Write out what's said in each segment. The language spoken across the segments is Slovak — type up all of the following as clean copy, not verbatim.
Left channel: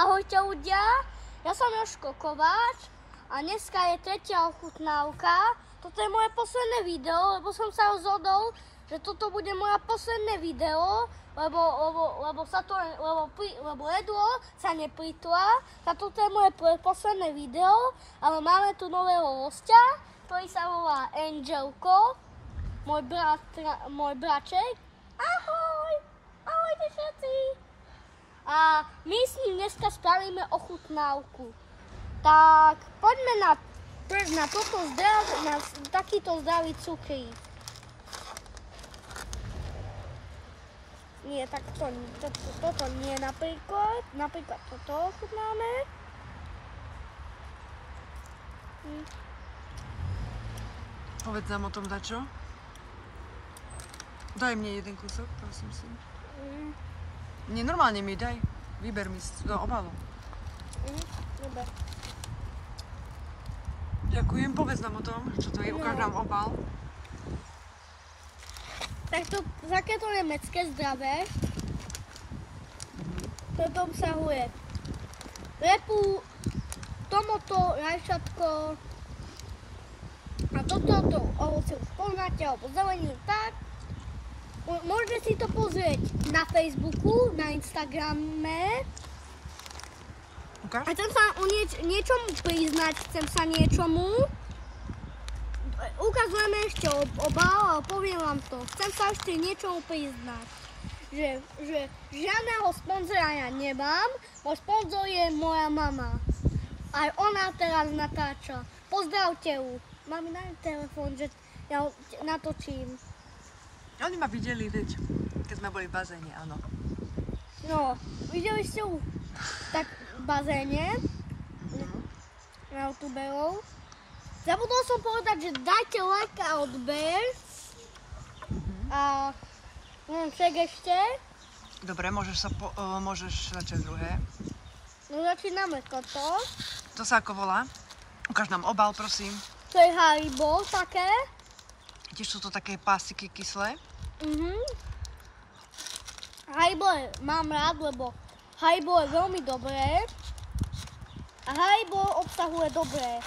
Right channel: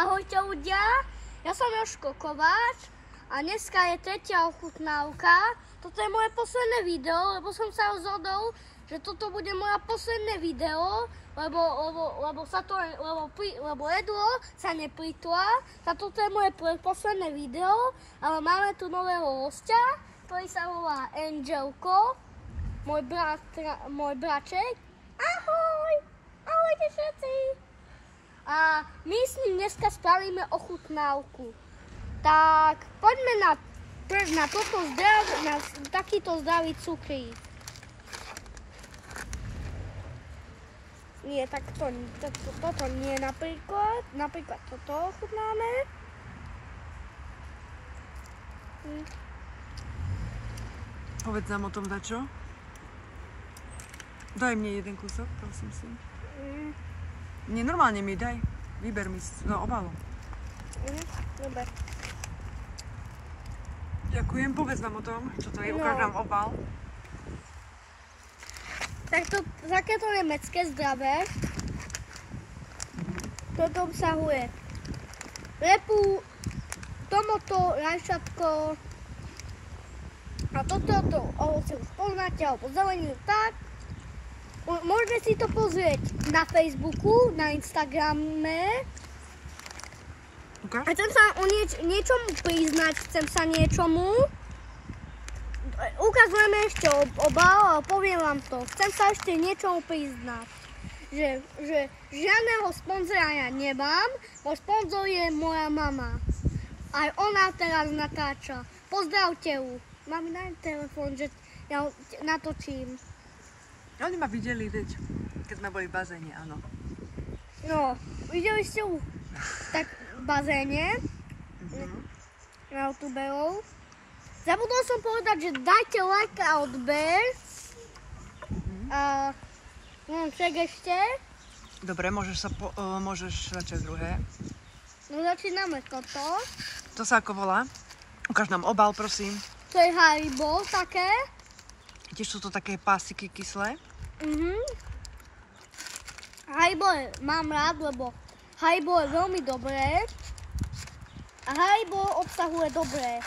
Ahojte ľudia, ja som Jožko Kováč a dneska je tretia ochutnávka. Toto je moje posledné video, lebo som sa rozhodol, že toto bude moje posledné video, lebo jedlo sa neplýtva. A toto je moje posledné video, ale máme tu nového hostia, ktorý sa volá Angelko, môj braček. Ahoj! Ahojte všetci! A my s ním dneska spravíme ochutnávku. Tak poďme na takýto zdravý cukrík. Nie, tak toto nie napríklad. Napríklad toto ochutnáme. Povedz nám o tom dačo. Daj mne jeden kúsok, prosím si. Nie, normálne mi daj. Vyber mi z obalu. Dobre. Ďakujem, povedz nám o tom, čo to je, ukáž nám obal. Tak to takéto nemecké zdravé. Toto obsahuje repu, tomato, rajčatko a toto ovoce už poznáte, alebo zeleninu tak. Môžete si to pozrieť na Facebooku, na Instagrame. Okay. A chcem sa o niečomu priznať, Ukazujeme ešte obal, ale poviem vám to. Chcem sa ešte niečomu priznať. Že žiadneho sponzora ja nemám, môj sponzor je moja mama. Aj ona teraz natáča. Pozdravte ju. Mami, daj telefón, že ja natočím. Oni ma videli, veď, keď sme boli v bazéne, áno. No, videli ste ju tak v bazéne na youtuberov. Zabudol som povedať, že dajte like a odber. A však ešte. Dobre, môžeš začať druhé. No začíname toto. To sa ako volá? Ukáž nám obal, prosím. To je Haribo také. Tiež sú to také pásiky kyslé. Haribo mám rád, lebo Haribo je veľmi dobré. A Haribo obsahuje dobré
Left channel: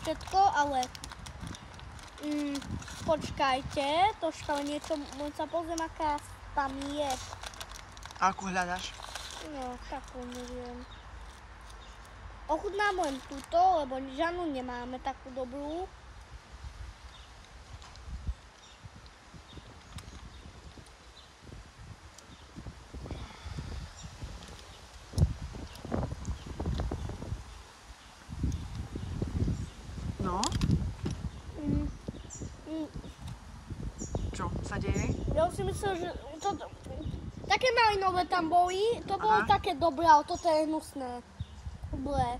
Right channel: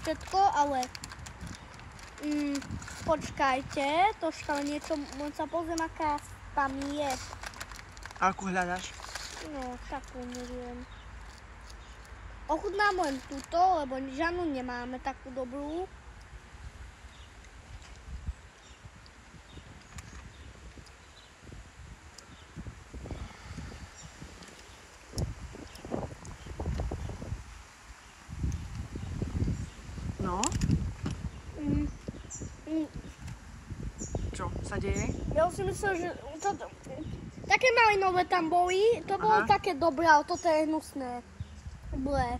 všetko, ale počkajte, troška niečo, sa pozriem, aká tam je. A akú hľadaš? No, takú neviem. Ochutnám len túto, lebo žiadnu nemáme takú dobrú. No? Čo sa deje? Ja si myslel, že také malinové tam boli, to bolo také dobré, ale toto je hnusné. Blé.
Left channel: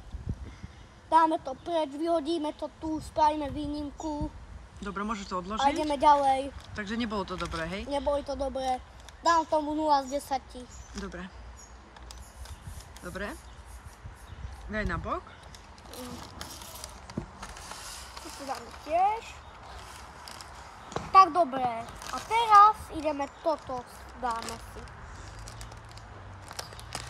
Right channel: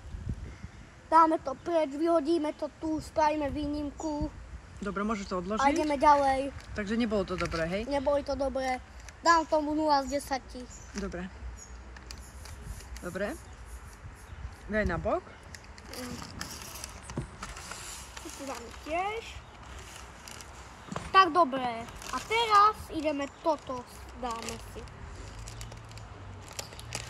Dáme to preč, vyhodíme to tu, spravíme výnimku. Dobre, môžeš to odložiť? A ideme ďalej. Takže nebolo to dobré, hej? Neboli to dobré. Dám tomu 0 z 10. Dobre. Dobre. Daj na bok. Tu si dáme tiež. Tak dobre. A teraz ideme toto, dáme si.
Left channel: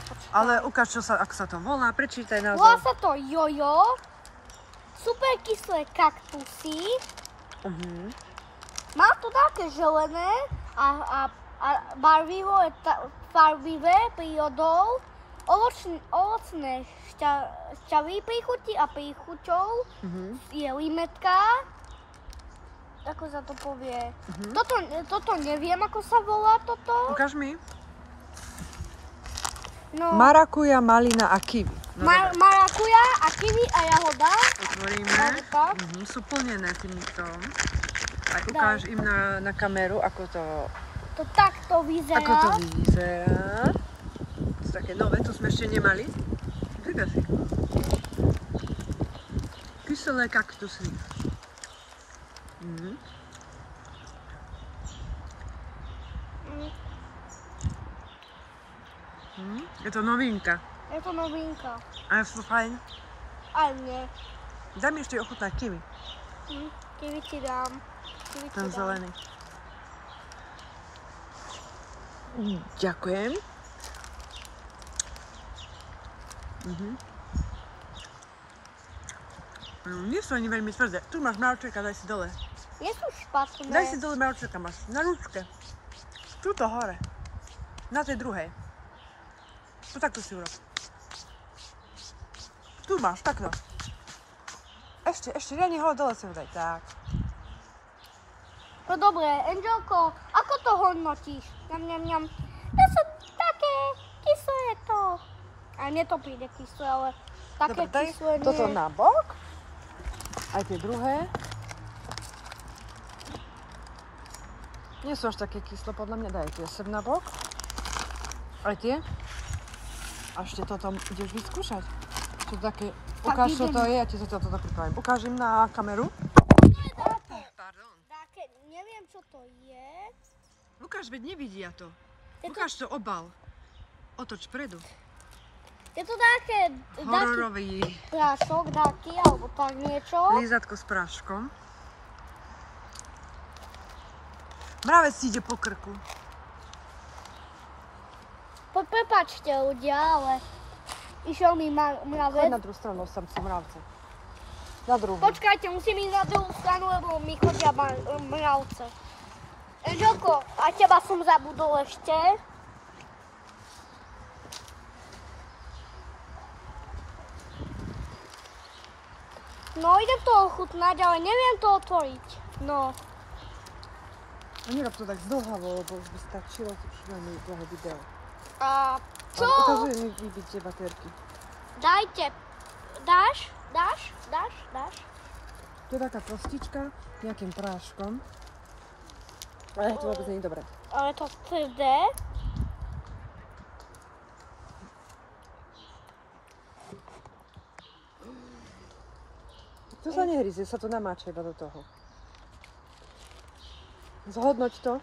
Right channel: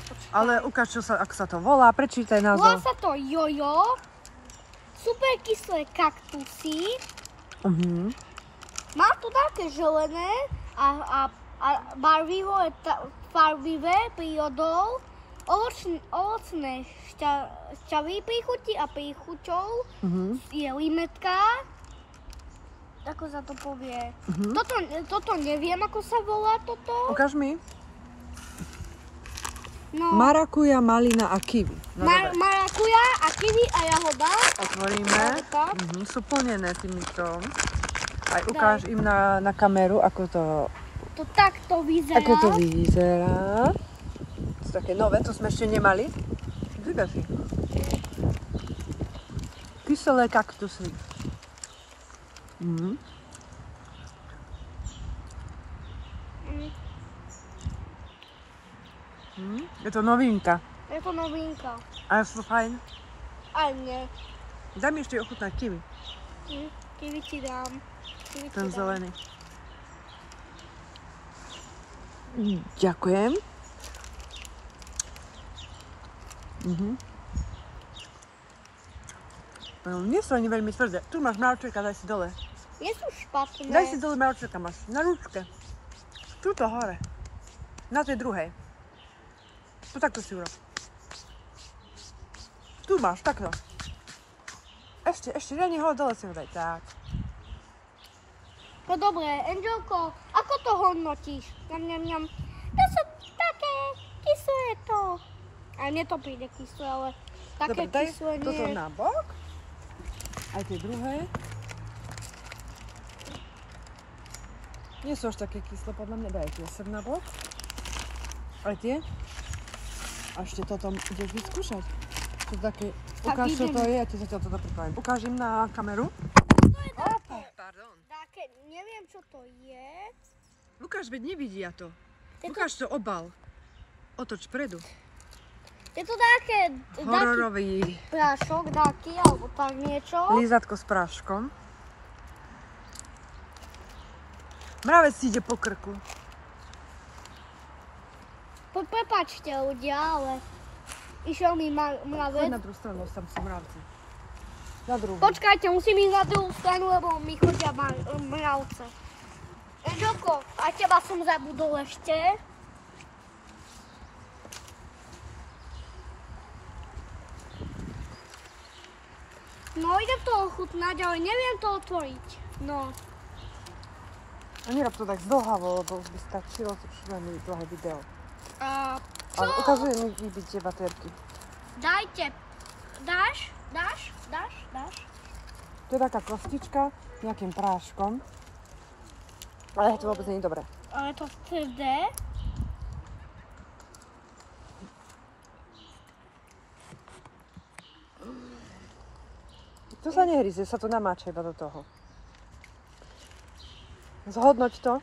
Počkaj. Ale ukáž, ako sa to volá, prečítaj názov. Volá sa to Jojo. Super kyslé kaktusy. Má to také zelené a barvivé prírodou. Ovocné šťavy príchuti a príchuťou. Je limetka. Ako sa to povie? Toto neviem, ako sa volá toto. Ukáž mi. No. Marakuja, malina a kiwi. No, marakuja a kiwi a jahoda. Otvoríme. Sú plnené týmto. Aj ukáž im na kameru, ako to... To takto vyzerá. Ako to vyzerá. To sú také nové, to sme ešte nemali. Vydaš si. Kyselé kaktusy. Je to novinka. Je to novinka. A sú fajn. Aj nie. Daj mi ešte ochutnať kiwi. Kiwi ti dám. Ten zelený. Ďakujem. Nie sú ani veľmi tvrdé. Tu máš mravčeka, daj si dole. Nie sú špatné. Daj si dole mravčeka, máš na ručke. Tuto hore. Na tej druhej. To takto si urob. Tu máš, takto. Ešte, riadne ho dole si ho daj, tak. No dobre, Angelko, ako to hodnotíš? Ňam. To sú také kyslé to. A mne to príde kyslé, ale také dobre, kyslé nie. Toto na bok. Aj tie druhé. Nie sú až také kyslé, podľa mňa. Daj tie sem na bok. Aj tie. A ešte toto ideš vyskúšať. Čo také, ukáž, čo to je, ja ti zatiaľ toto pripravím. Ukáž im na kameru. Pardon. Také, neviem, čo to je. Lukáš, veď nevidia to. Ukáž to obal. Otoč predu. Je to také Hororový prášok, taký, alebo tak niečo. lízatko s práškom. Mravec si ide po krku. Prepáčte ľudia, ale išiel mi Choď mravec. na druhú stranu, som si mravce. Na druhú. Počkajte, musím ísť na druhú stranu, lebo mi chodia mravce. Angelko, a teba som zabudol ešte. No, idem to ochutnať, ale neviem to otvoriť. No. A nerob to tak zdlhavo, lebo by stačilo, to už veľmi dlhé video. A čo? Ale ukazuj mi vybiť tie baterky. Dajte. Dáš? To je taká kostička s nejakým práškom. Ale to vôbec nie je dobré. Ale to tvrdé. To sa nehryzie, sa to namáča iba do toho. Zhodnoť to.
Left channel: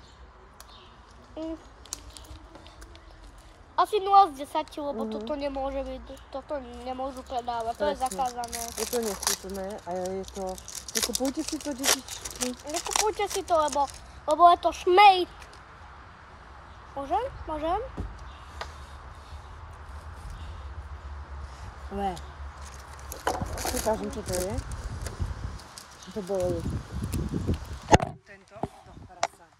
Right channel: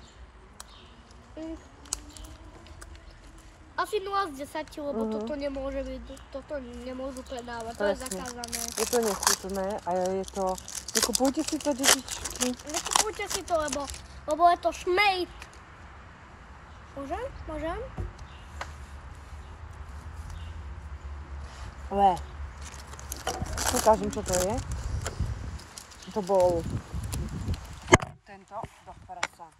Asi 0 z 10, lebo toto nemôže byť, toto nemôžu predávať, to je zakázané. Je to nechutné a je to... Nekupujte si to, detičky. Nekupujte si to, lebo je to šmejt. Môžem? Ukážem, čo to je. To bol... Tento. Prasa.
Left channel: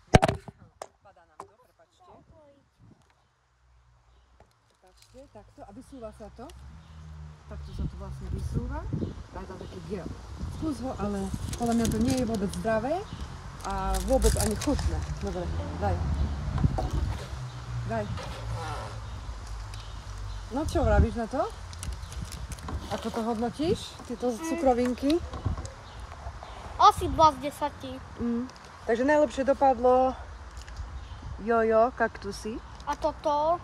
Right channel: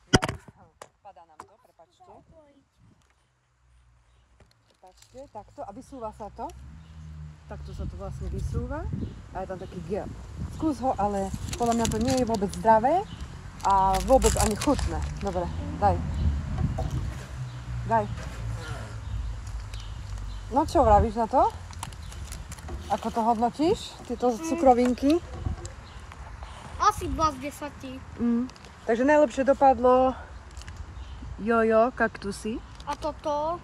Padá nám to, prepačte. Prepačte, takto. A vysúva sa to. Takto sa to vlastne vysúva. A je tam taký gel. Skús ho, ale podľa mňa to nie je vôbec zdravé. A vôbec ani chutné. Dobre, daj. No čo vravíš na to? Ako to hodnotíš? Tieto cukrovinky? Asi 2 z 10. Takže najlepšie dopadlo jojo, kaktusy. A toto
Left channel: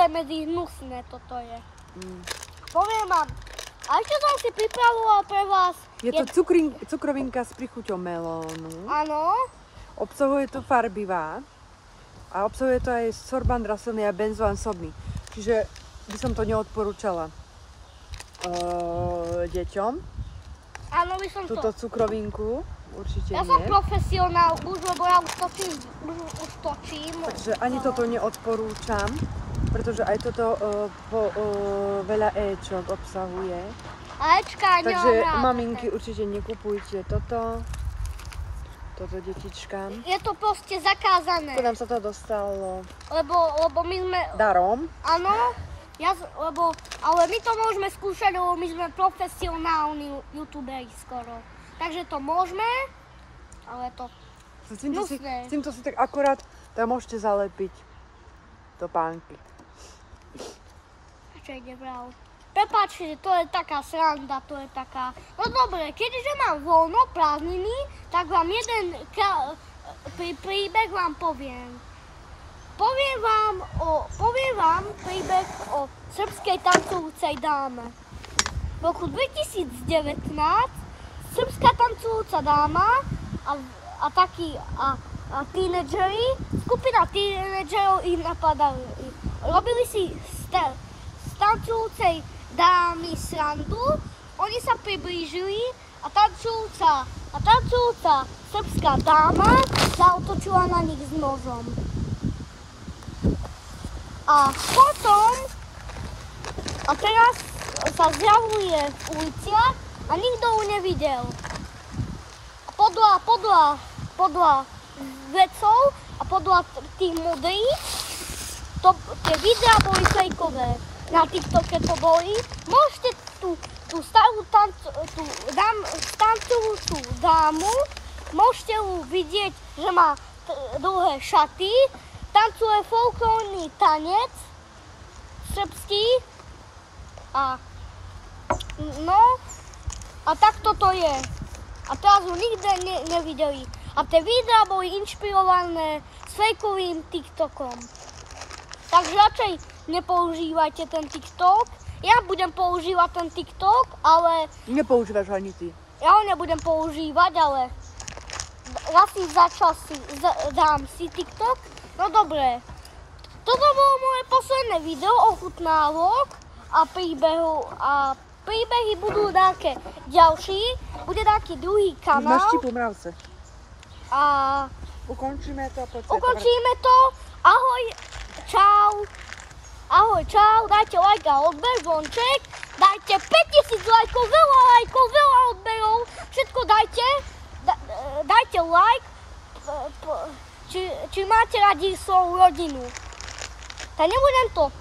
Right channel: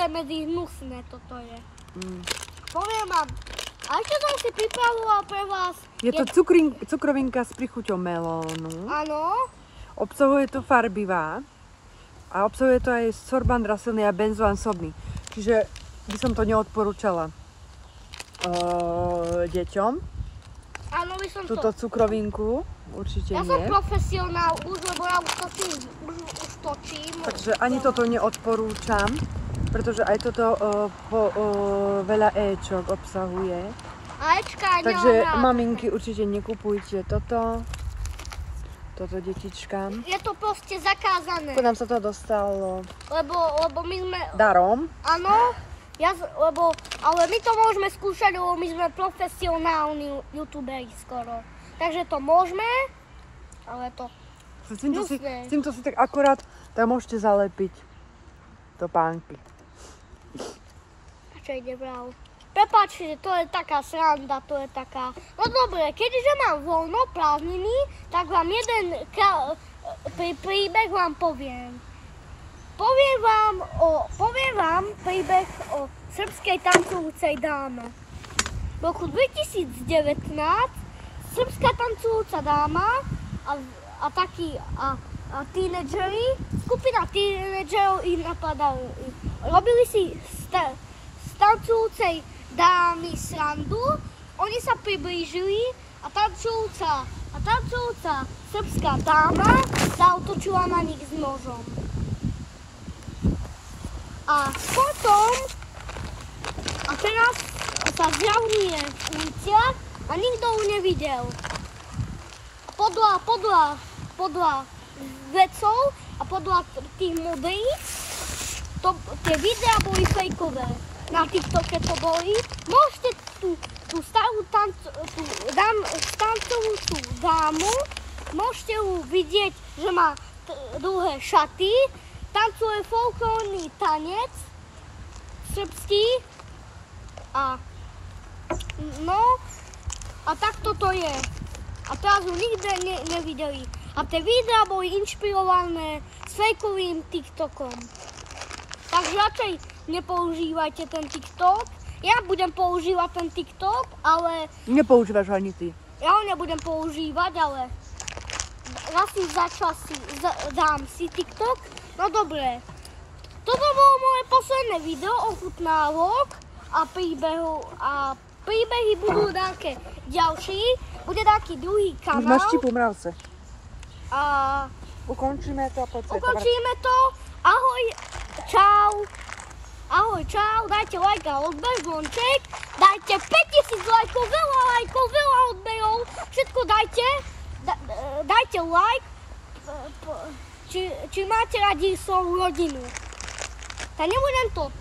je medzi hnusné, toto je. Poviem vám, a čo som si pripravoval pre vás? Je to cukrovinka s prichuťou melónu. Áno. Obsahuje to farbivá. A obsahuje to aj sorban rasilný a benzoán sobný. Čiže by som to neodporúčala deťom. Áno, by som túto cukrovinku. Určite ja nie. som profesionál už, lebo ja už točím. Takže ani toto neodporúčam, pretože aj toto veľa éčok obsahuje. A éčka nemám ráda. Takže maminky určite nekupujte toto detičkám. Je to proste zakázané. To nám sa to dostalo Lebo my sme... darom. Áno, ale my to môžeme skúšať, lebo my sme profesionálni youtuberi skoro. Takže to môžeme, ale to hnusné. S týmto si tak akurát tam môžete zalepiť topánky. A čo ide vrav? Prepáčte, to je taká sranda, to je taká... No dobre, keďže mám voľno, prázdniny, tak vám jeden príbeh vám poviem. Poviem vám príbeh o srbskej tancujúcej dáme. V roku 2019 srbská tancujúca dáma a skupina tínedžerov ich napadali. Robili si z tancujúcej dámy srandu, oni sa priblížili a tancujúca srbská dáma zaútočila na nich s nožom. A potom, a teraz sa zjavuje v uliciach a nikto ju nevidel. A podľa vedcov a podľa tých modrých, tie videá boli fejkové. Na TikToke to boli. Môžete tú starú tancujúcu dámu, môžete ju vidieť, že má dlhé šaty, tancuje folklórny tanec srbský a takto to je. A teraz ju nikde nevideli. A tie videá boli inšpirované s fejkovým TikTokom. Takže radšej nepoužívajte ten TikTok. Ja budem používať ten TikTok, ale... Nepoužívaš ho ani ty. Ja ho nebudem používať, ale raz za čas dám si TikTok. No dobre. Toto bolo moje posledné video ochutnávok a príbehy budú také ďalší. Bude taký druhý kanál. Máš štipu mravce. A ukončíme to. Ukončíme to. Ahoj, čau. Ahoj, čau. Dajte like a odber, zvonček. Dajte 5000 lajkov, veľa odberov. Všetko dajte. Dajte like. Či máte radi svoju rodinu. Tak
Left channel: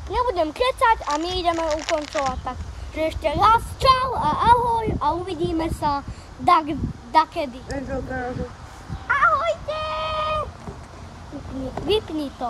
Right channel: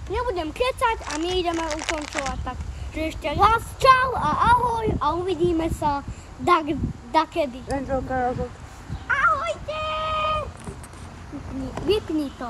nebudem kecať a my ideme ukončovať. Takže ešte raz čau a ahoj a uvidíme sa dakedy. Ahojte! Vypni to.